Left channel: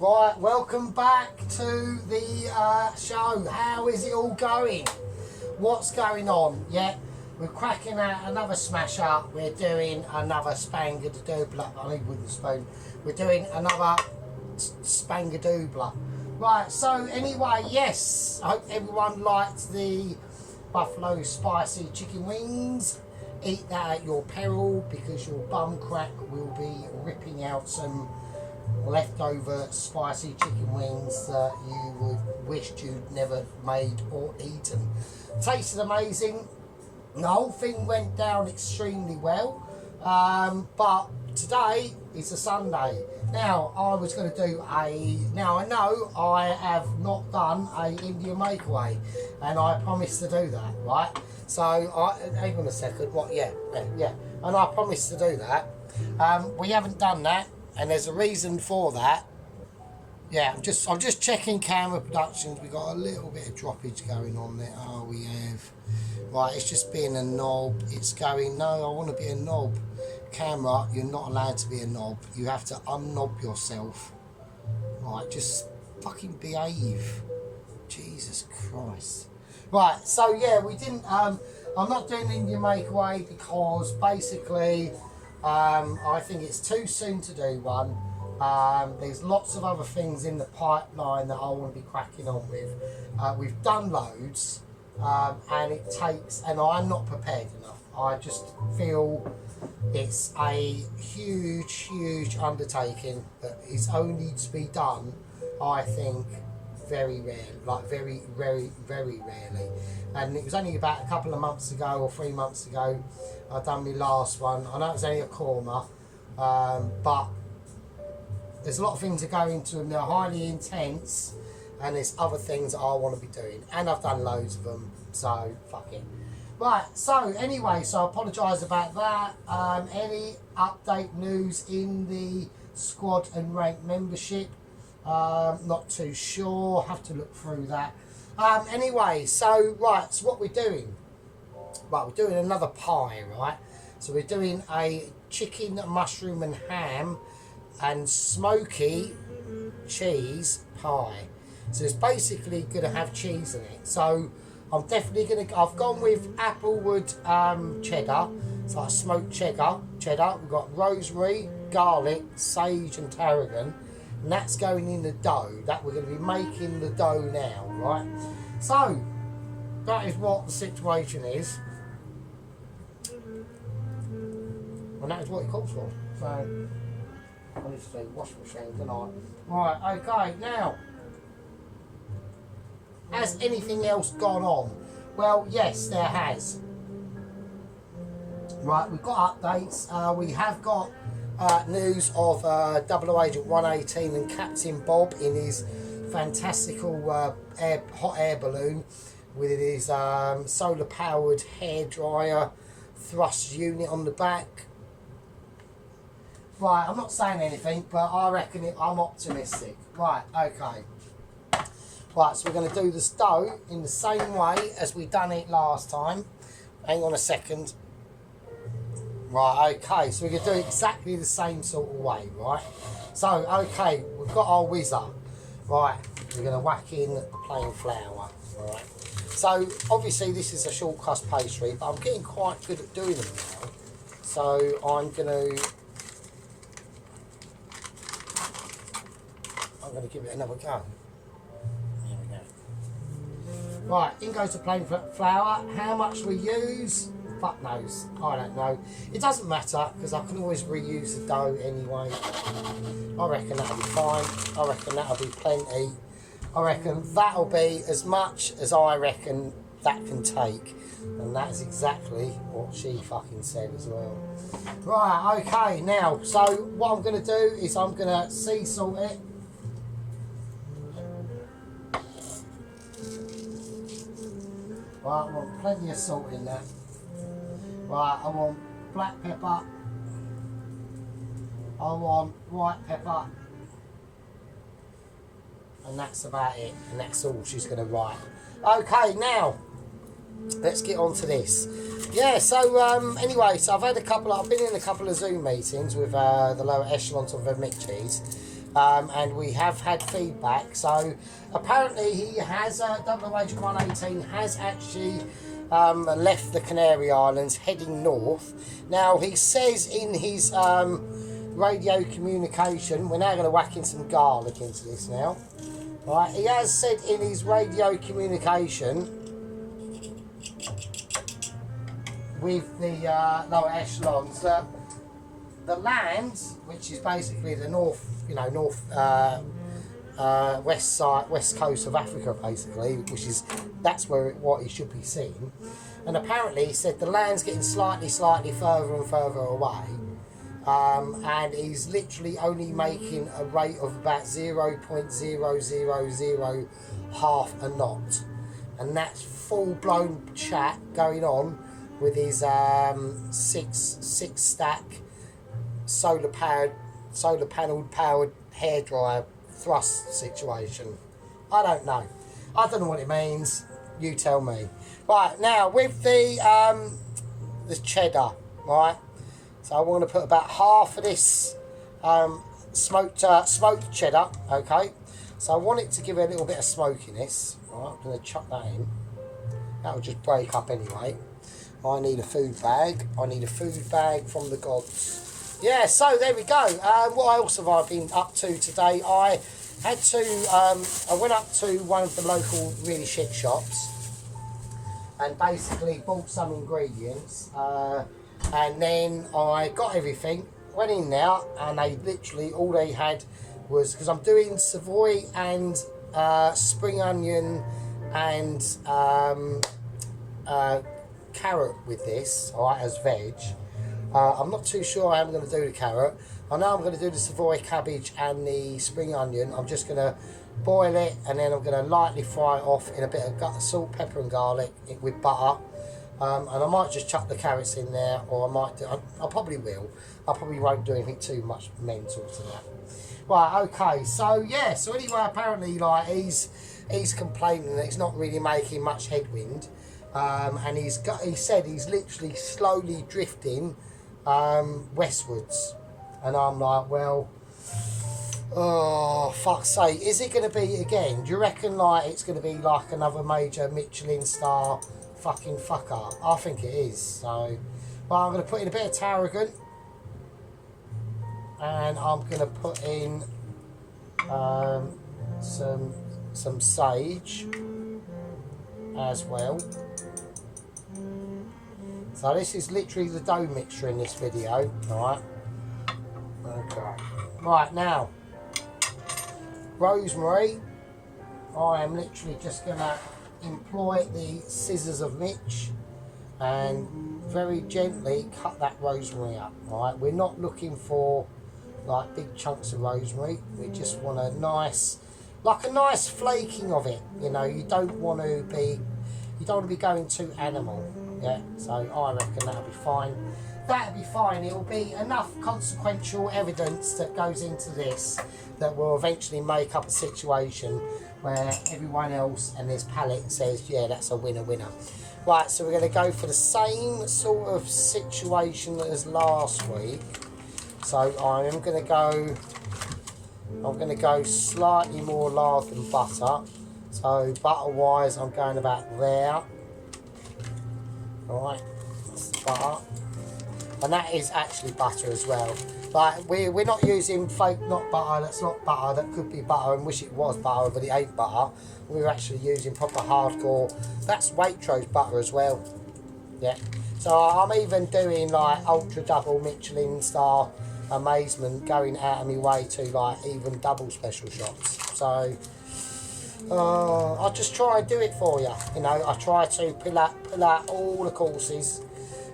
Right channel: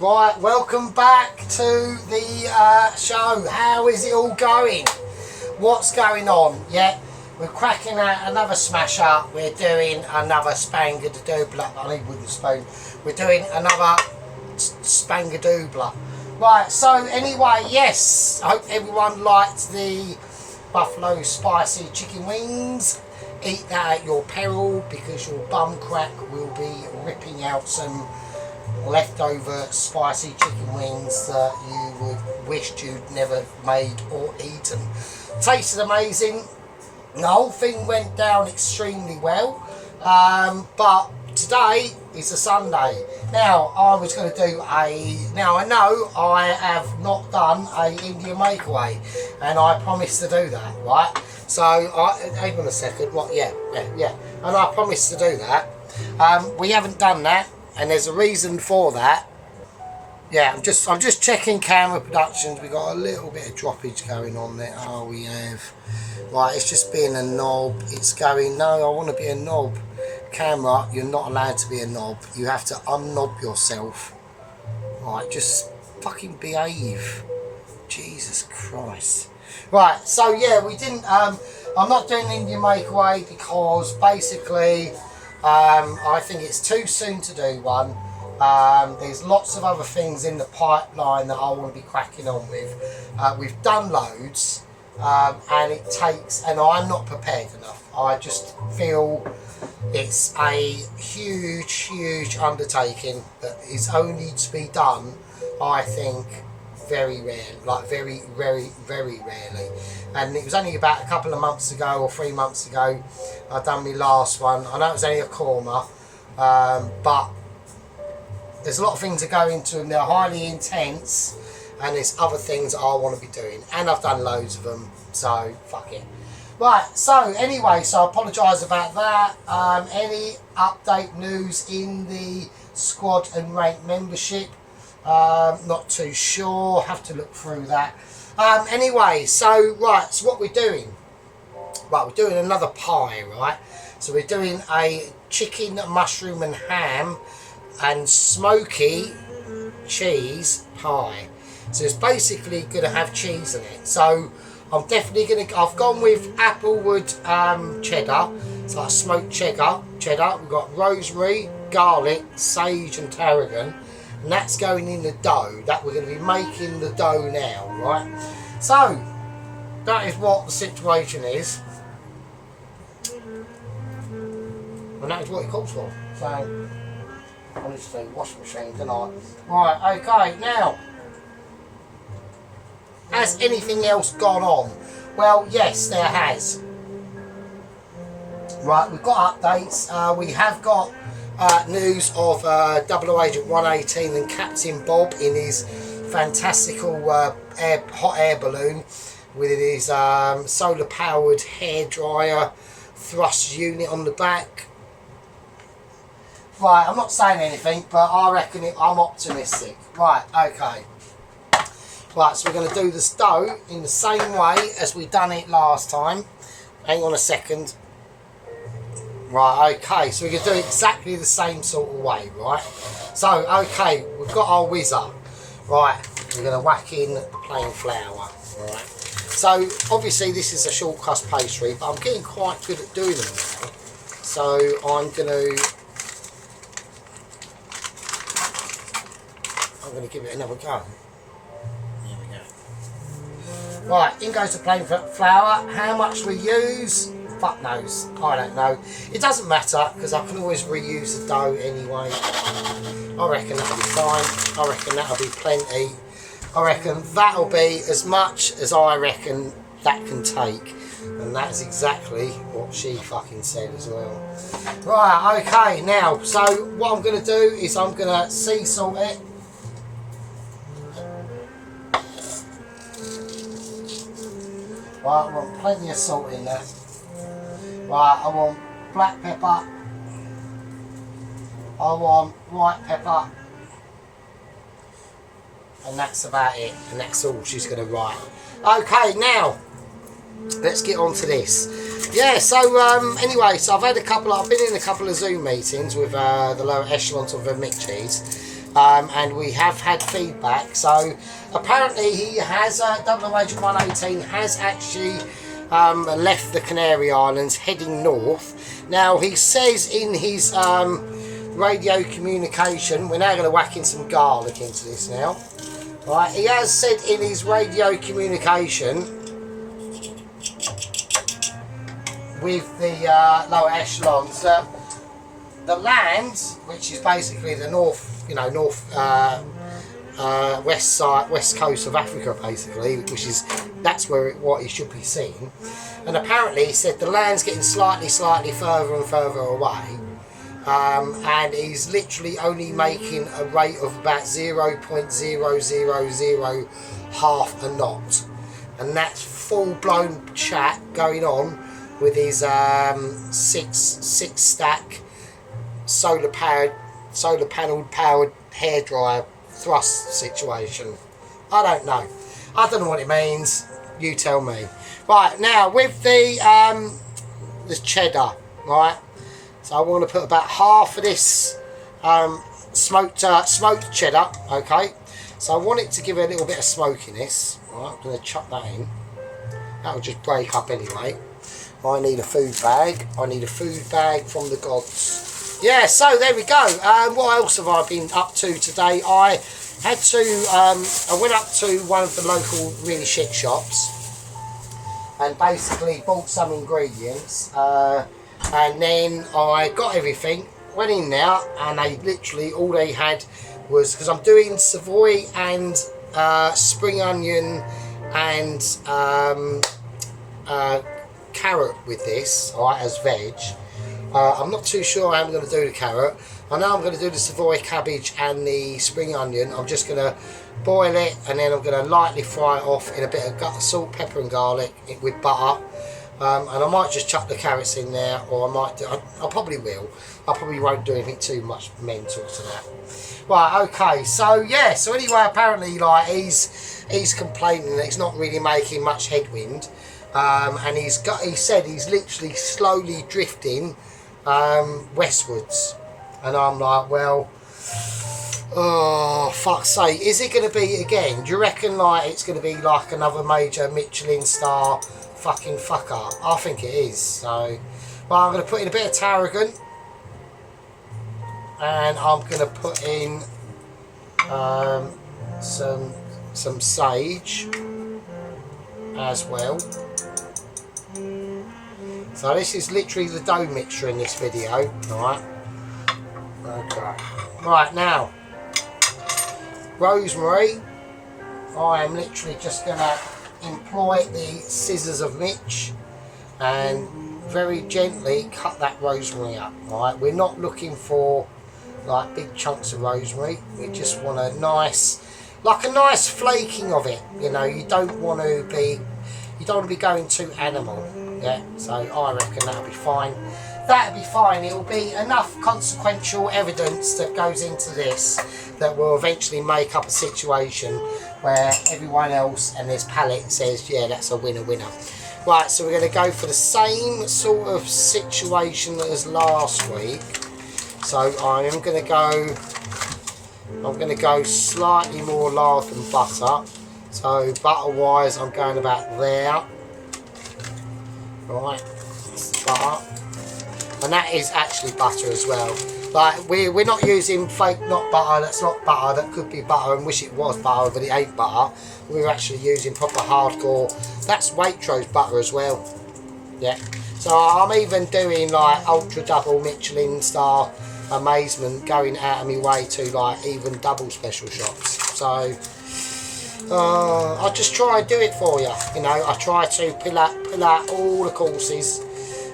Right, welcome back to the show. How is it all going? What's going on? Yeah, we're cracking out another smash up. We're doing another Spangadoobler. I need wooden spoon. We're doing another Spangadoobler. Right, so anyway, yes, I hope everyone liked the buffalo spicy chicken wings. Eat that at your peril because your bum crack will be ripping out some leftover spicy chicken wings that you would wished you'd never made or eaten. Tasted amazing. The whole thing went down extremely well, but today is a Sunday. Now I was going to do now I know I have not done a Indian makeaway, and I promised to do that, right? So hang on a second. What? Yeah, and I promised to do that. We haven't done that. And there's a reason for that. Yeah, I'm just checking camera productions. We got a little bit of droppage going on there. Oh, we have. Right, it's just being a knob. It's going, no, I want to be a knob. Camera, you're not allowed to be a knob. You have to unknob yourself. Right, just fucking behave. Jesus Christ. Right, so yeah, we didn't, I'm not doing Indian makeaway because basically, I think it's too soon to do one. There's lots of other things in the pipeline that I want to be cracking on with. We've done loads, and it takes, and I'm not prepared enough. I just feel it's a huge undertaking that is only to be done, I think, very rare, like very rarely. And it was only about a couple of months ago or 3 months ago I done my last one. I know it was only a korma, but there's a lot of things that go into them. They're highly intense, and there's other things that I want to be doing, and I've done loads of them, so fuck it. Right, so anyway, so I apologise about that. Any update news in the squad and rank membership? Not too sure, have to look through that. Anyway, so right, so what we're doing, right, we're doing another pie, right? So we're doing a chicken, mushroom and ham and smoky cheese pie. So it's basically going to have cheese in it. So I'm definitely going to, I've gone with applewood cheddar. It's like smoked cheddar. We've got rosemary, garlic, sage and tarragon. And that's going in the dough. That we're going to be making the dough now, right? So that is what the situation is, and that is what it calls for. So I need to do washing machine tonight. Right, okay, now has anything else gone on? Well, yes, there has. Right, we've got updates. We have got news of 00 Agent 118 and Captain Bob in his fantastical hot air balloon with his solar powered hairdryer thrust unit on the back. Right, I'm not saying anything, but I reckon I'm optimistic. Right, okay. Right, so we're going to do this dough in the same way as we done it last time. Hang on a second. Right, okay, so we can do it exactly the same sort of way, right? So, okay, we've got our whizzer. Right, we're going to whack in the plain flour, right? So, obviously this is a short crust pastry, but I'm getting quite good at doing them now. So, I'm going to give it another go. There we go. Right, in goes the plain flour. How much we use? Fuck knows, I don't know. It doesn't matter because I can always reuse the dough anyway. I reckon that'll be fine. I reckon that'll be plenty. I reckon that'll be as much as I reckon that can take. And that's exactly what she fucking said as well. Right, okay, now, so what I'm going to do is I'm going to sea salt it. Right, I want plenty of salt in there. Right, I want black pepper, I want white pepper, and that's about it, and that's all she's going to write. Okay, now, let's get on to this. Yeah, so anyway, so I've been in a couple of Zoom meetings with the lower echelons of the McCheese, and we have had feedback. So apparently he has, Double Agent 118 has actually left the Canary Islands heading north. Now he says in his radio communication, we're now going to whack in some garlic into this now. Right, he has said in his radio communication with the lower echelons that the land, which is basically the north, west coast of Africa, basically, which is that's where what he should be seeing. And apparently, he said the land's getting slightly further and further away, and he's literally only making a rate of about 0.000 half a knot, and that's full blown chat going on with his six stack solar panel powered hairdryer thrust situation. I don't know what it means, you tell me. Right, now with the cheddar, right, so I want to put about half of this smoked cheddar, okay, so I want it to give it a little bit of smokiness. Right, I'm going to chuck that in. That will just break up anyway. I need a food bag. I need a food bag from the gods. Yeah, so there we go. What else have I been up to today? I had to, I went up to one of the local really shit shops and basically bought some ingredients. And then I got everything, went in there, and they literally, all they had was, because I'm doing Savoy and spring onion and carrot with this, alright, as veg. I'm not too sure how I'm going to do the carrot. I know I'm going to do the Savoy cabbage and the spring onion. I'm just going to boil it, and then I'm going to lightly fry it off in a bit of salt, pepper and garlic with butter. And I might just chuck the carrots in there, or I might do, I probably will. I probably won't do anything too much mental to that. Right, okay, so yeah, so anyway, apparently like he's complaining that he's not really making much headwind. And he said he's literally slowly drifting westwards, and I'm like, well, oh fuck's sake, is it going to be again? Do you reckon like it's going to be like another major Michelin star fucking fuck up? I think it is. So, well, I'm going to put in a bit of tarragon, and I'm going to put in some sage as well. So this is literally the dough mixture in this video, right? Okay. Right, now, rosemary. I am literally just going to employ the scissors of Mitch and very gently cut that rosemary up, right? We're not looking for like big chunks of rosemary. We just want a nice, like a nice flaking of it. You know, you don't want to be going too animal. Yeah, so I reckon that'll be fine. That'll be fine. It'll be enough consequential evidence that goes into this that will eventually make up a situation where everyone else and this palate says, yeah, that's a winner. Right, so we're going to go for the same sort of situation as last week. So I'm going to go slightly more lard than butter. So butter wise, I'm going about there. Right, that's the butter, and that is actually butter as well. Like we're not using fake not butter. That's not butter. That could be butter and wish it was butter, but it ain't butter. We're actually using proper hardcore. That's Waitrose butter as well. Yeah. So I'm even doing like ultra double Michelin star amazement, going out of my way to like even double special shops. So. I just try and do it for you, you know. I try to pull out all the courses.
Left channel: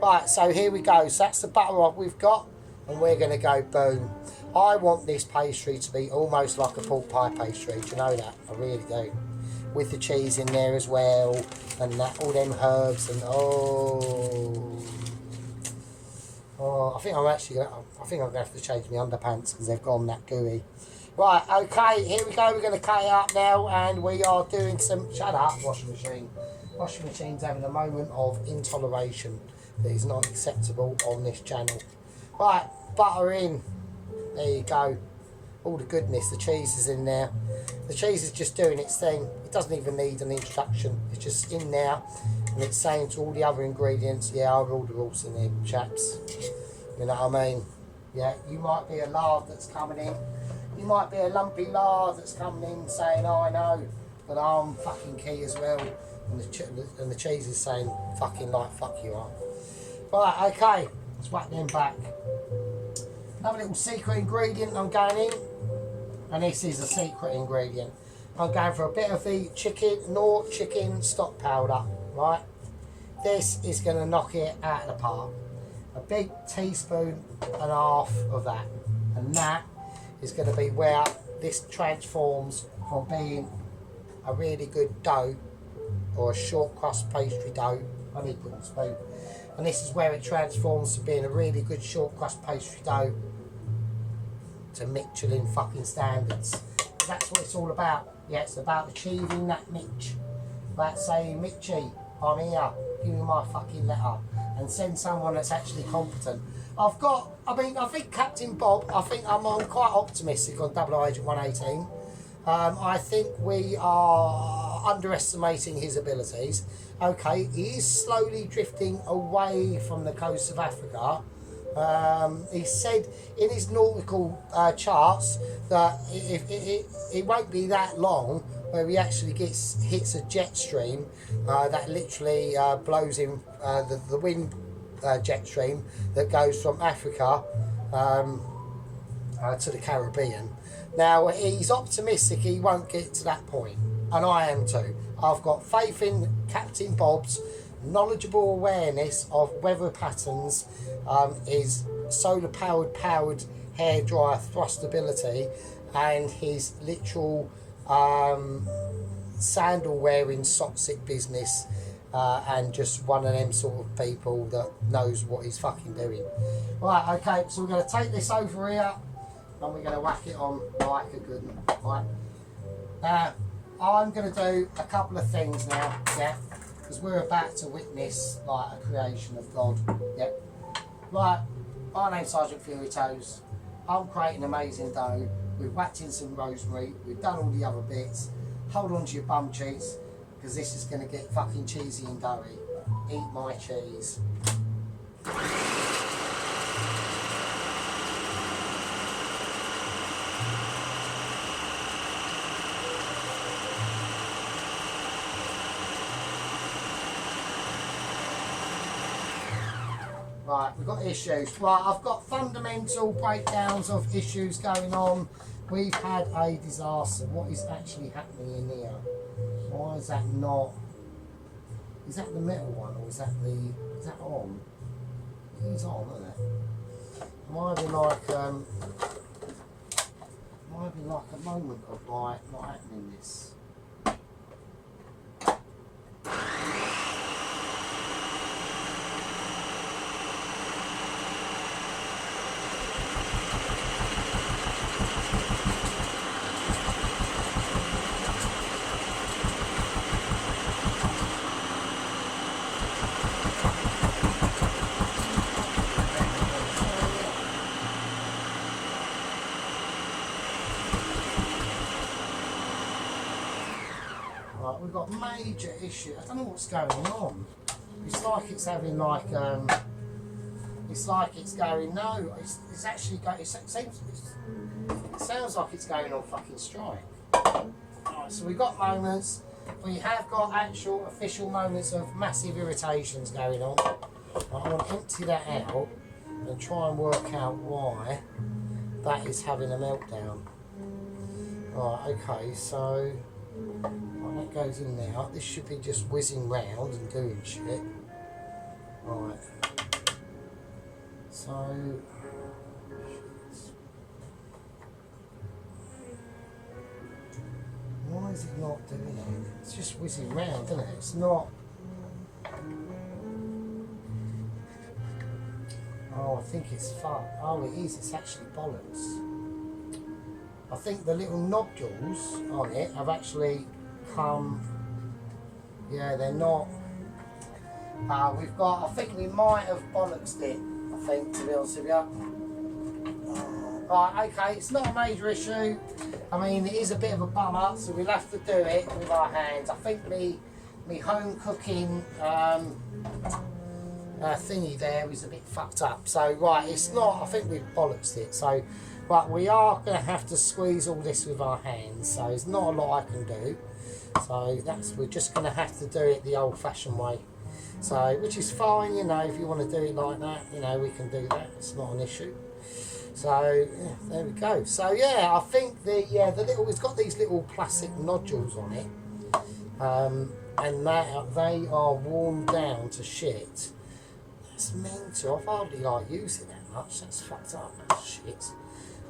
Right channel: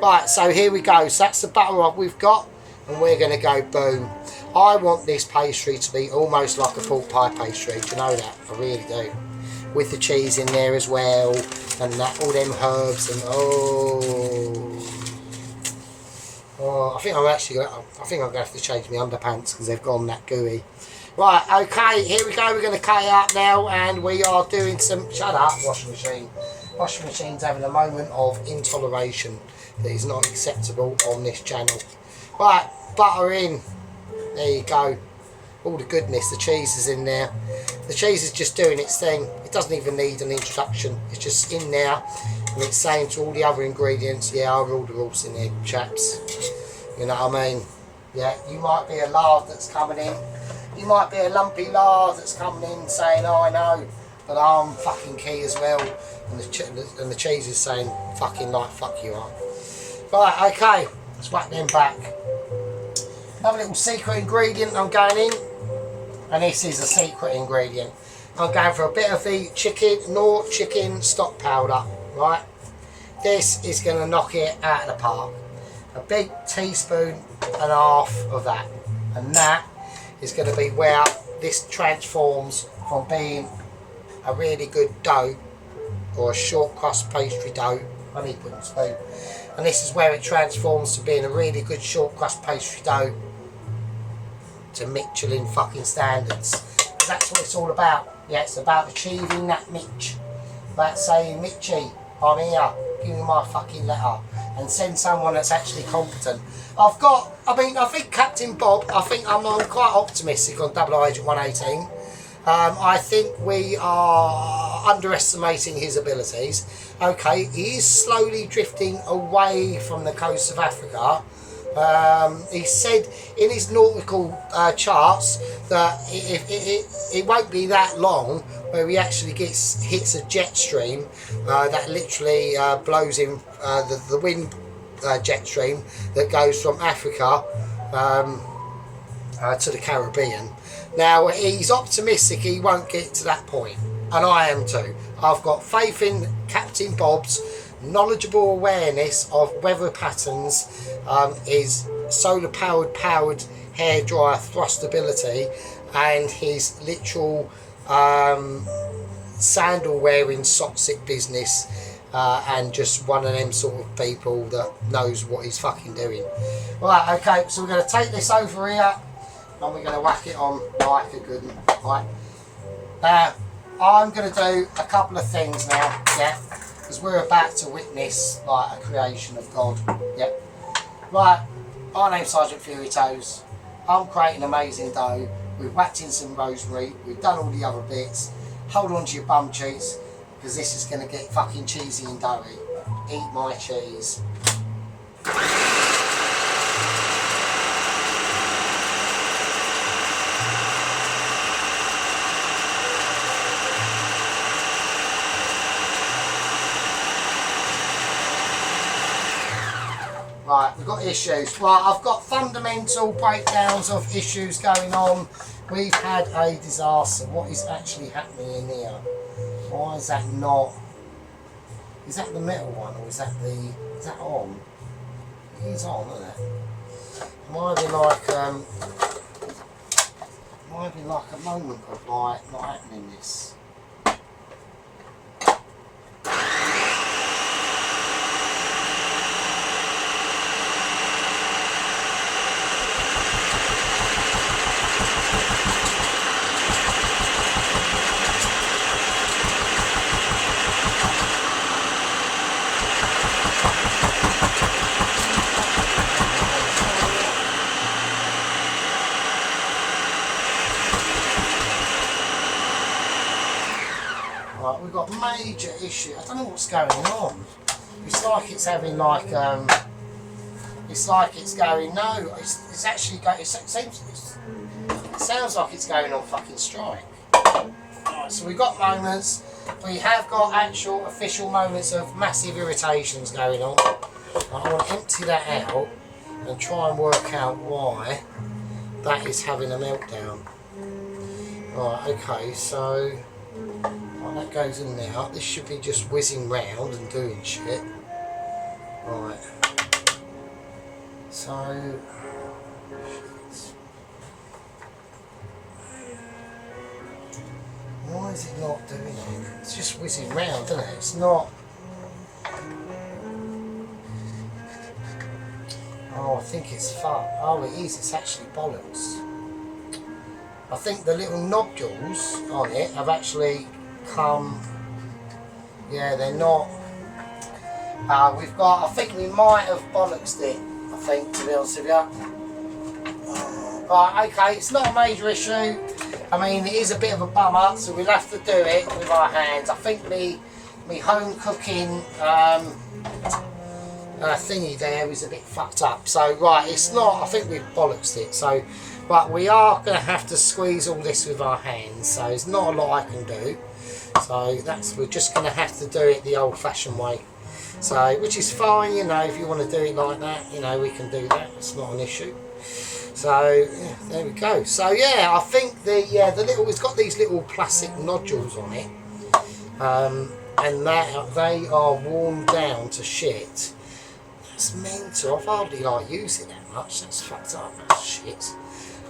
Right, so here we go. So that's the butter we've got, and we're going to go boom. I want this pastry to be almost like a pork pie pastry. Do you know that? I really do. With the cheese in there as well, and that, all them herbs, and I think I'm going to have to change my underpants because they've gone that gooey. Right, okay, here we go. We're going to cut it up now, and we are doing some... Shut up, washing machine. Washing machine's having a moment of intoleration that is not acceptable on this channel. Right, butter in. There you go. all the goodness, the cheese is in there. The cheese is just doing its thing. It doesn't even need an introduction. It's just in there, and it's saying to all the other ingredients, yeah, I'll rule the rules in here, chaps. You know what I mean? Yeah, you might be a lard that's coming in. You might be a lumpy lard that's coming in saying, oh, I know, but I'm fucking key as well. And the cheese is saying, fucking like, fuck you are. Right, okay, let's whack them back. Another little secret ingredient I'm going in, and this is a secret ingredient. I'm going for a bit of the Knorr chicken stock powder, right? This is going to knock it out of the park. A big teaspoon and a half of that, and that is going to be where this transforms from being a really good dough or a short crust pastry dough. I need wooden spoon. And this is where it transforms to being a really good short crust pastry dough to Michelin fucking standards. That's what it's all about. Yeah, it's about achieving that Mitch. About saying, Mitchy, I'm here, give me my fucking letter. And send someone that's actually competent. I think Captain Bob, I'm quite optimistic on Double Agent 118. I think we are underestimating his abilities. Okay, he is slowly drifting away from the coast of Africa. He said in his nautical charts that it won't be that long where he actually hits a jet stream that literally blows him, the wind jet stream that goes from Africa to the Caribbean. Now, he's optimistic he won't get to that point, and I am too. I've got faith in Captain Bob's knowledgeable awareness of weather patterns, his solar powered hairdryer thrustability, and his literal sandal wearing sock-sick business, and just one of them sort of people that knows what he's fucking doing. Right, okay, so we're going to take this over here and we're going to whack it on like a good one. Right, now I'm going to do a couple of things now, yeah, because we're about to witness like a creation of God. Yep. Right, my name's Sergeant Fury Toes. I'm creating amazing dough. We've whacked in some rosemary. We've done all the other bits. Hold on to your bum cheeks, because this is going to get fucking cheesy and doughy. Eat my cheese. Right, we've got issues. Right, I've got fundamental breakdowns of issues going on. We've had a disaster. What is actually happening in here? Why is that not? Is that the metal one, or is that on? It is on, isn't it? Might be like a moment of like not happening this. We've got major issue. I don't know what's going on. It's like it's having like it's like it's going no. It's actually going. It sounds like it's going on fucking strike. Right, so we've got moments. We have got actual official moments of massive irritations going on. I want to empty that out and try and work out why that is having a meltdown. Right. Okay. So. That goes in there. This should be just whizzing round and doing shit. Right. So why is it not doing it? It's just whizzing round, isn't it? It's not. Oh, I think it's fuck. Oh, it is. It's actually bollocks. I think the little nodules on it have actually come. Yeah, they're not. We've got. I think we might have bollocksed it. I think, to be honest with you. Right, okay, it's not a major issue. I mean, it is a bit of a bummer, so we'll have to do it with our hands. I think me home cooking thingy there is a bit fucked up. So, right, it's not, I think we've bollocksed it. So, right, we are going to have to squeeze all this with our hands. So, there's not a lot I can do. So, we're just going to have to do it the old-fashioned way. So, which is fine, you know, if you want to do it like that, you know, we can do that. It's not an issue. So yeah, there we go. So yeah, I think the little, it's got these little plastic nodules on it, and they are worn down to shit. That's mental. I've hardly like used it that much. That's fucked up. That's shit.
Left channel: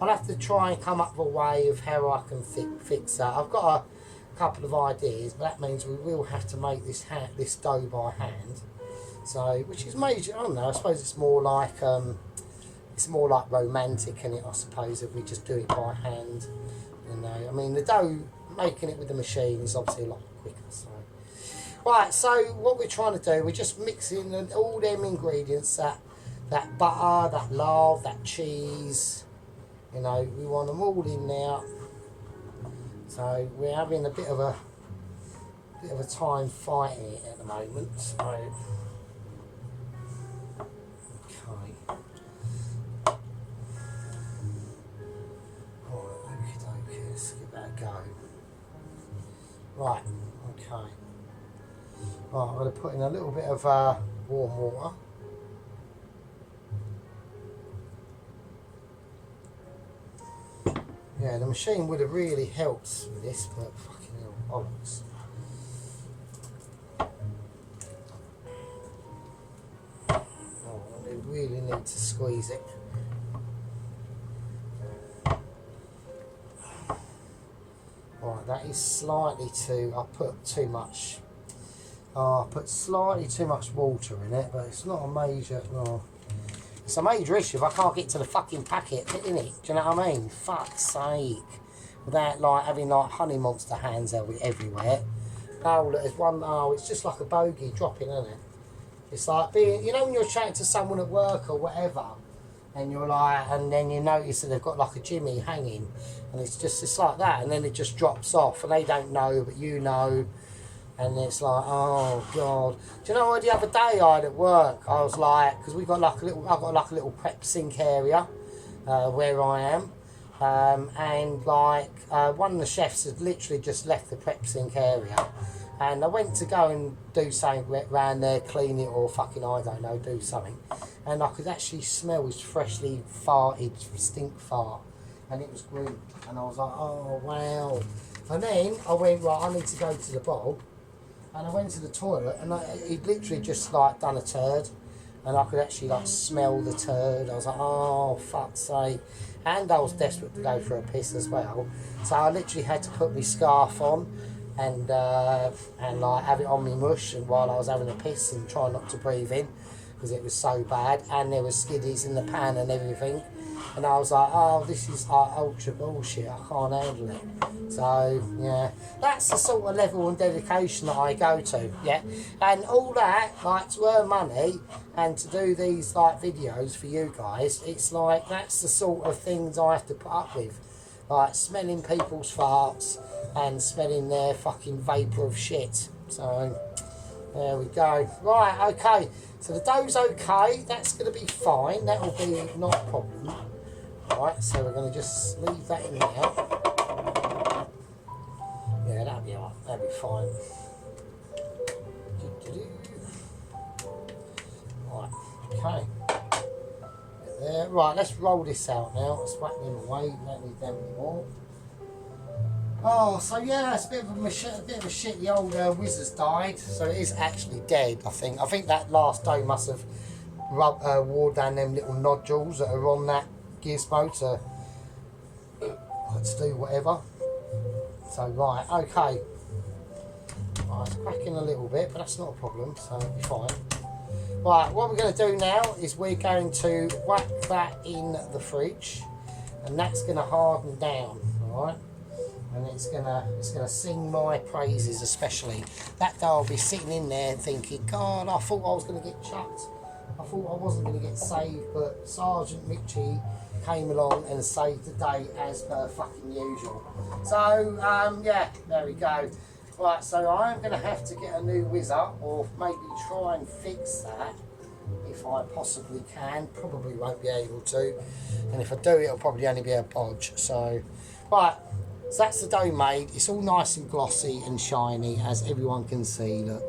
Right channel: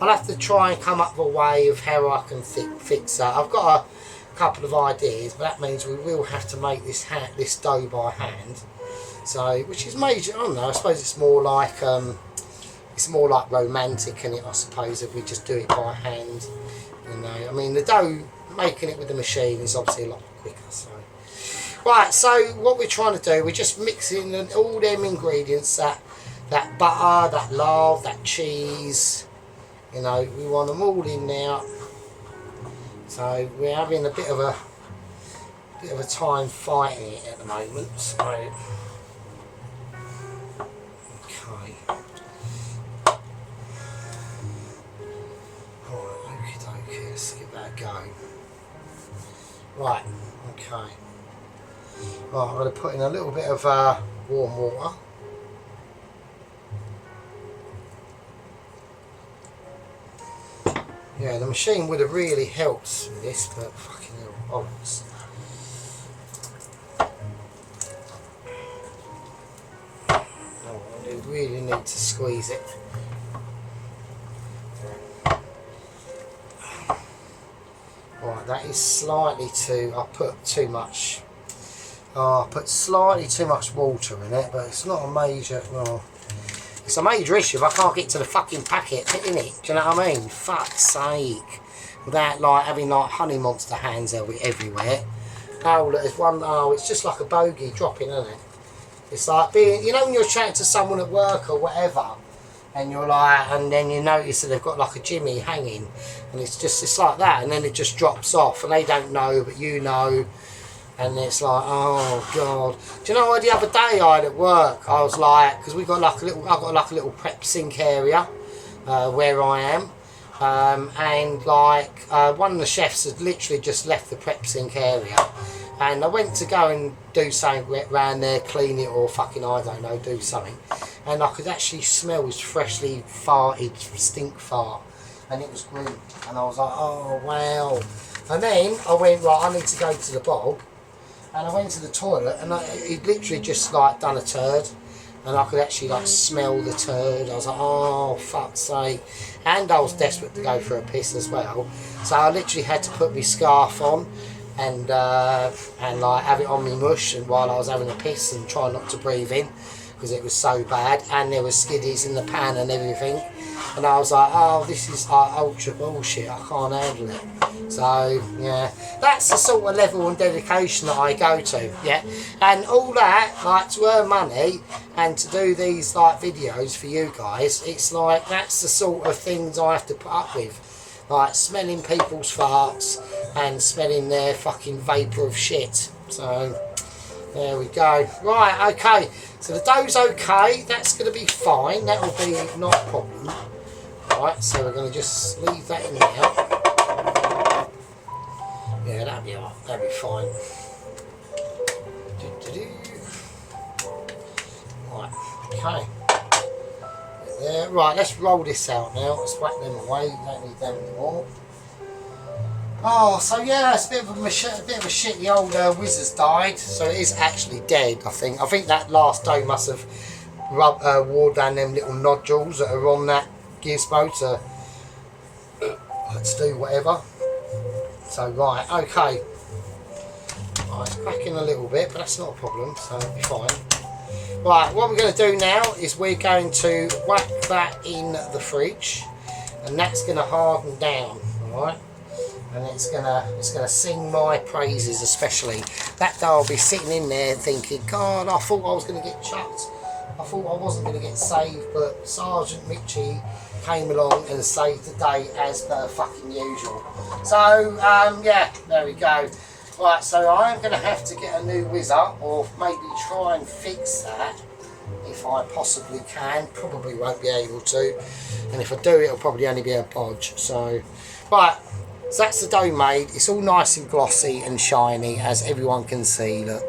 I'll have to try and come up with a way of how I can fix that. I've got a couple of ideas, but that means we will have to make this dough by hand. So, which is major. I don't know. I suppose it's more like romantic, isn't it, I suppose, if we just do it by hand, you know. I mean, the dough, making it with the machine is obviously a lot quicker, so. Right, so what we're trying to do, we're just mixing all them ingredients, that butter, that lard, that cheese, you know, we want them all in now. So we're having a bit of a time fighting it at the moment, so. Okay. Let's give that a go. Right, okay. Right, I'm going to put in a little bit of warm water. Yeah, the machine would have really helped with this, but fucking hell, bolts. Oh, you really need to squeeze it. Right, that is slightly too, I put too much, I put slightly too much water in it, but it's not a major, well, it's a major issue if I can't get to the fucking packet, isn't it? Do you know what I mean? Fuck's sake. Without like having like Honey Monster hands everywhere. Oh, look, there's one, oh, it's just like a bogey dropping, isn't it? It's like being, you know when you're chatting to someone at work or whatever, and you're like, and then you notice that they've got like a jimmy hanging, and it's like that, and then it just drops off, and they don't know, but you know, and it's like, oh god. Do you know what the other day I had at work? I was like, because we got like a little, I got like a little prep sink area where I am, and like one of the chefs had literally just left the prep sink area. And I went to go and do something around there, clean it or fucking, I don't know, do something. And I could actually smell his freshly farted stink fart. And it was grim. And I was like, oh, wow. And then I went, right, I need to go to the bog. And I went to the toilet and he'd literally just like done a turd. And I could actually like smell the turd. I was like, oh, fuck's sake. And I was desperate to go for a piss as well. So I literally had to put my scarf on. And like have it on me mush, and while I was having a piss and trying not to breathe in because it was so bad, and there was skiddies in the pan and everything, and I was like, oh, this is like ultra bullshit, I can't handle it. So yeah, that's the sort of level and dedication that I go to, yeah. And all that, like, to earn money and to do these like videos for you guys, it's like that's the sort of things I have to put up with. Like smelling people's farts and smelling their fucking vapour of shit. So there we go. Right, okay. So the dough's okay. That's going to be fine. That will be not a problem. Right, so we're going to just leave that in there. Yeah, that'll be alright. That'll be fine. Right, okay. There. Right, let's roll this out now. Let's whack them away. We don't need them anymore. Oh, so yeah, it's a bit of a shit. The old wizard's died, so it is actually dead. I think. I think that last dough must have wore down them little nodules that are on that gizmo to do whatever. So right, okay. Right, it's cracking a little bit, but that's not a problem. So it'll be fine. Right, what we're going to do now is we're going to whack that in the fridge, and that's going to harden down, alright? And it's gonna sing my praises, especially. That day I'll be sitting in there thinking, God, I thought I was going to get chucked. I thought I wasn't going to get saved, but Sergeant Mitchie came along and saved the day as per fucking usual. So yeah, there we go. Right, so I am going to have to get a new whizzer, or maybe try and fix that if I possibly can. Probably won't be able to, and if I do, it'll probably only be a bodge. So right, so that's the dough made. It's all nice and glossy and shiny, as everyone can see. Look,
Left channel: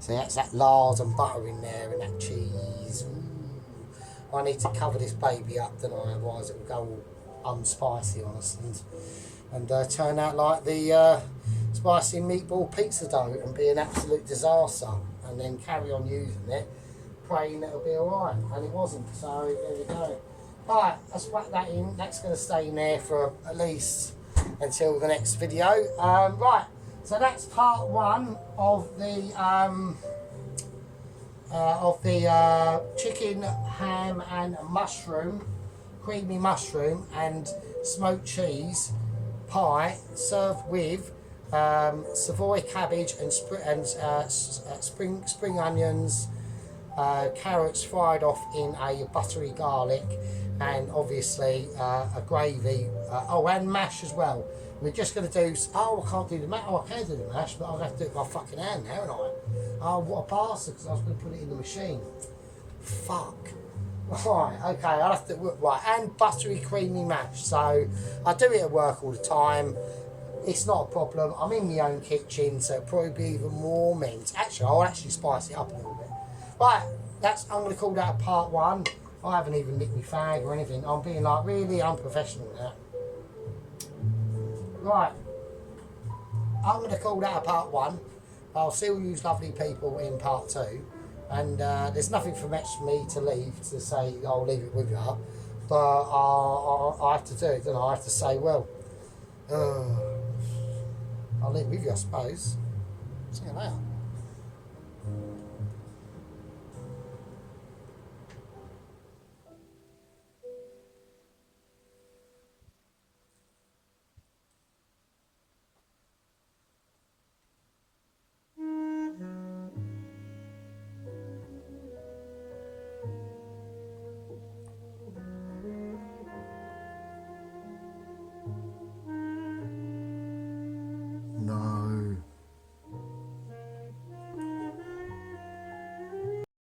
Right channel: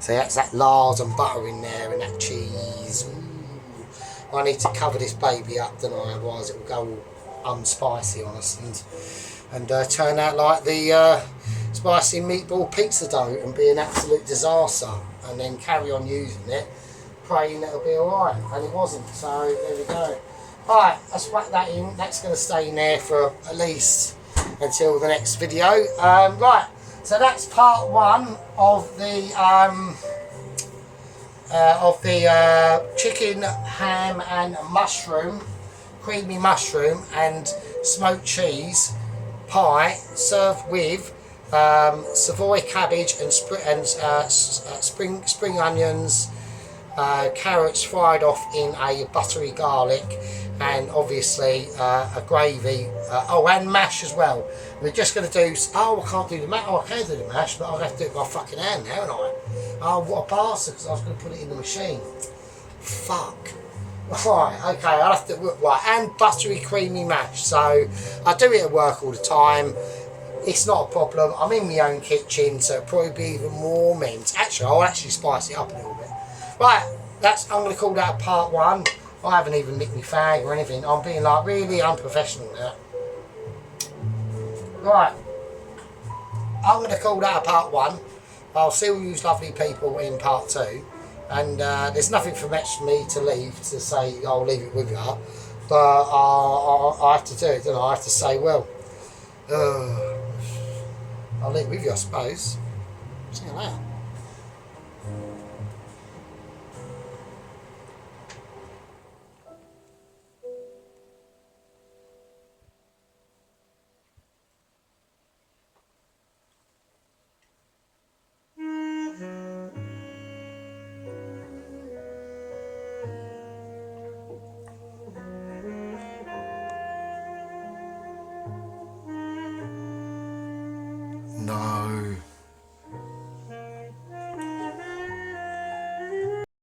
so that's that lard and butter in there, and that cheese. Ooh. I need to cover this baby up, don't I? Otherwise it will go all unspicy on us and turn out like the spicy meatball pizza dough and be an absolute disaster, and then carry on using it, praying it'll be alright, and it wasn't. So there we go. Alright, let's whack that in. That's going to stay in there for at least until the next video. Right, so that's part one of the chicken, ham and mushroom, creamy mushroom and smoked cheese pie, served with Savoy cabbage and spring onions, carrots fried off in a buttery garlic, and obviously a gravy, oh, and mash as well. We're just going to do, oh, I can't do the mash, oh, I can do the mash, but I'll have to do it by fucking hand now, haven't I? Oh, what a bastard, because I was going to put it in the machine. Fuck. Right, okay, I'll have to, right, and buttery creamy mash. So I do it at work all the time. It's not a problem. I'm in my own kitchen, so it'll probably be even more mint. Actually, I'll actually spice it up a little bit. Right, I'm going to call that part one. I haven't even licked my fag or anything. I'm being like really unprofessional now. Right, I'm going to call that a part one. I'll see all you lovely people in part two. And there's nothing for me to leave to say I'll leave it with you, but I have to do it, don't I? I have to say, well, I'll leave it with you, I suppose. See you later.